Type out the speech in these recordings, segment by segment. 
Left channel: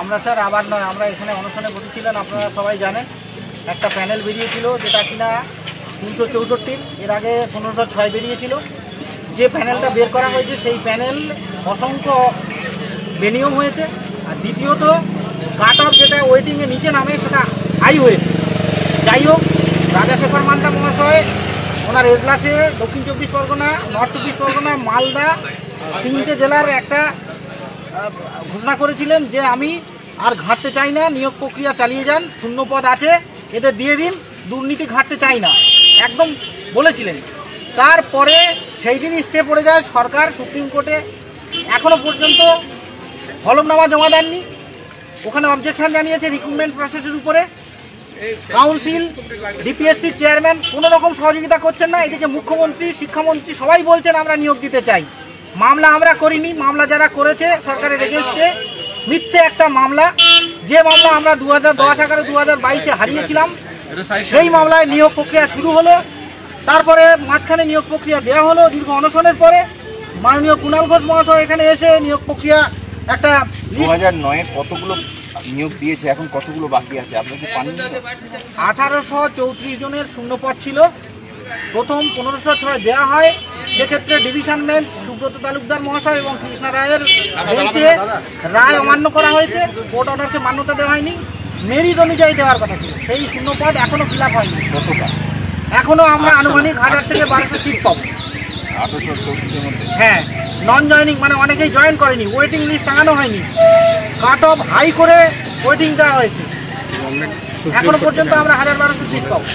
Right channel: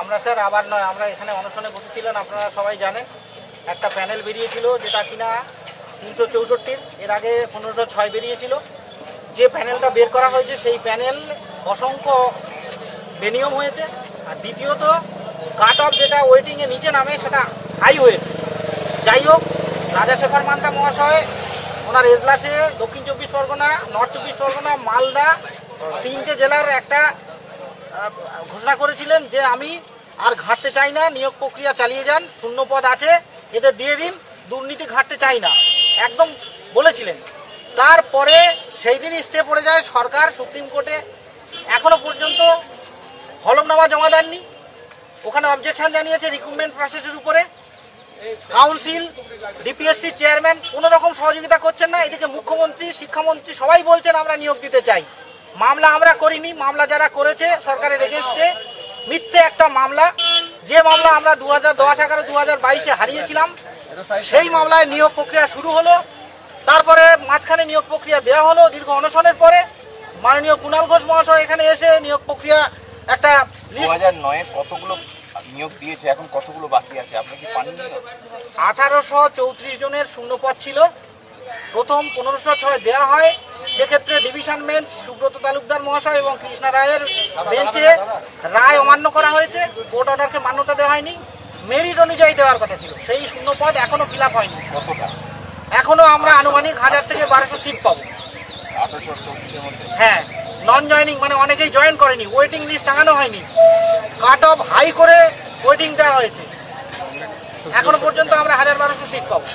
আমরা স্যার আবার নয়, আমরা এখানে অনশনে বসেছিলেন, আপনারা সবাই জানেন। একটা প্যানেল বেরিয়েছিল যেটা কিনা 364, এর আগে 1506 বেরিয়েছিল। যে প্যানেলটা বের করা হয়েছে সেই প্যানেল অসংখ্য বেনিয়ম হয়েছে। আর দ্বিতীয়ত কাট অফ যেটা ওয়েটিংয়ে নিচে নামে সেটা হাই হয়েছে। যাই হোক, রাজাশেখর মান্তা মহাশয় ওনার এজলাসে দক্ষিণ 24 পরগনা, নর্থ 24 পরগনা, মালদা 3টে জেলার একটা ঘোষণা করেছিলেন যে আমি আর ঘাঁটতে চাই না, নিয়োগ প্রক্রিয়া চালিয়ে যান, শূন্য পদ আছে এদের দিয়ে দিন, দুর্নীতি ঘাঁটতে চাই না, একদম বলেছিলেন। তারপরে সেই দিনই স্টে পড়ে যায় সরকার সুপ্রিম কোর্টে। এখনো পর্যন্ত হলফনামা জমা দেননি, ওখানে অবজেকশন জানিয়েছে রিক্রুটমেন্ট প্রসেসের উপরে। কাউন্সিল, ডিপিএসসি চেয়ারম্যান কোনো রকম সহযোগিতা করছেন না। এদিকে মুখ্যমন্ত্রী, শিক্ষামন্ত্রী সবাই বলছেন আমরা নিয়োগ দিতে চাই। মামলা আমরা করিনি, মামলা যারা করেছে সরকারের এগেনস্টে মিথ্যে একটা মামলা, যে মামলা আমরা 2010-11-2022-এ হারিয়েছিলাম, সেই মামলায় নিয়োগ প্রক্রিয়া শুরু হলো। তারপরে মাঝখানে নিয়োগ প্রক্রিয়া দেওয়া হলো দীর্ঘ অনশনের পরে। মাননীয় কুণাল ঘোষ মহাশয় এখানে এসে নিয়োগ প্রক্রিয়া একটা 2009-এ কতগুলো নিয়োগ দিয়েছে, এখন কতগুলো বাকি আছে আপনি কি পাননি? 1834 জনের শূন্যপদ ছিল। প্রথম 1506 দেওয়া হয়, সেক্ষেত্রে ডিভিশন বেঞ্চ সুব্রত তালুকদার মহাশয় এবং কৃষ্ণা রায়ের বেঞ্চে রায় অমান্য করা হয়েছে, কোর্ট অর্ডারকে মান্যতা দেওয়া হয়নি। মেরিট অনুযায়ী দেওয়ার কথা ছিল, সেই শূন্যপদ এখনো ফিল আপ হয়নি। এখনো আমরা আনুমানিক 1000 থেকে 1200 সিট পাবো। হ্যাঁ, নন জয়নিং মানে অনেকেই জয়েন করেনি, ওয়েটিং লিস্ট টাঙানো হয়নি, কাট অফ হাই করে ওয়েটিং দেওয়া হয়েছে। এখনো পর্যন্ত আমরা 1000-1200 সিট পাবো।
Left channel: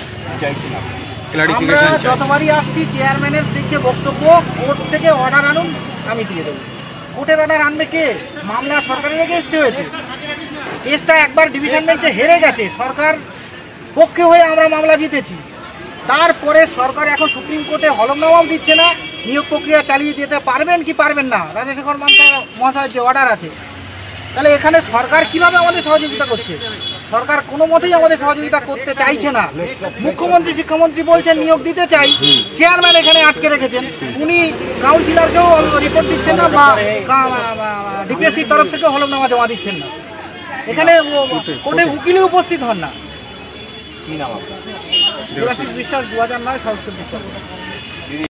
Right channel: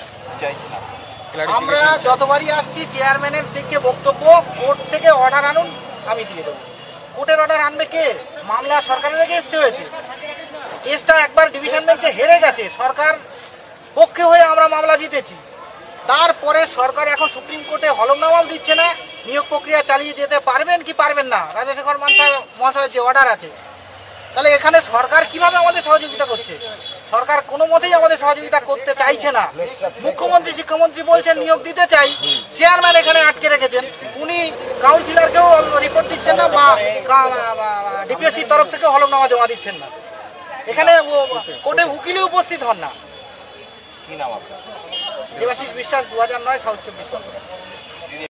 আমরা যতবারই আসছি চেয়ারম্যানের দিকে বক্তব্য, কোর্ট থেকে অর্ডার আনুন, আমি দিয়ে দেবো। কোর্টের অর্ডার আনবে কে? মামলা সরকারের এগেইনস্টে হয়েছে, কেসটা একবার ডিভিশন বেঞ্চে হেরে গেছে, সরকার পক্ষে হয়ে আমরা মামলা জিতেছি। তারপরে সরকার এখন সুপ্রিম কোর্টে হলফনামাও দিচ্ছে না, নিয়োগ প্রক্রিয়া চালিয়ে যেতে পারবেন কি পারবেন না, রাজাশেখর মান্তা মহাশয়ের যে অর্ডার আছে। তাহলে এখানে সরকার কিভাবে আমাদের সহযোগিতা করছে? সরকার কোনো মতেই আমাদের সহযোগিতা করতে চাইছে না। মুখ্যমন্ত্রী, শিক্ষামন্ত্রী বলছেন নিয়োগ দিতে চাই, চেয়ারম্যান এখানে আটকে রেখেছেন, উনি কাউন্সিলরকেও রিপোর্ট দিচ্ছেন না বা ডিপিএসসির তরফ থেকে হলফনামা জমা দিচ্ছেন না। এখানে কোর্টে উকিলই উপস্থিত হন না। দেবাশিস বিশ্বাস, 2009, সাউথ 24 পরগনা।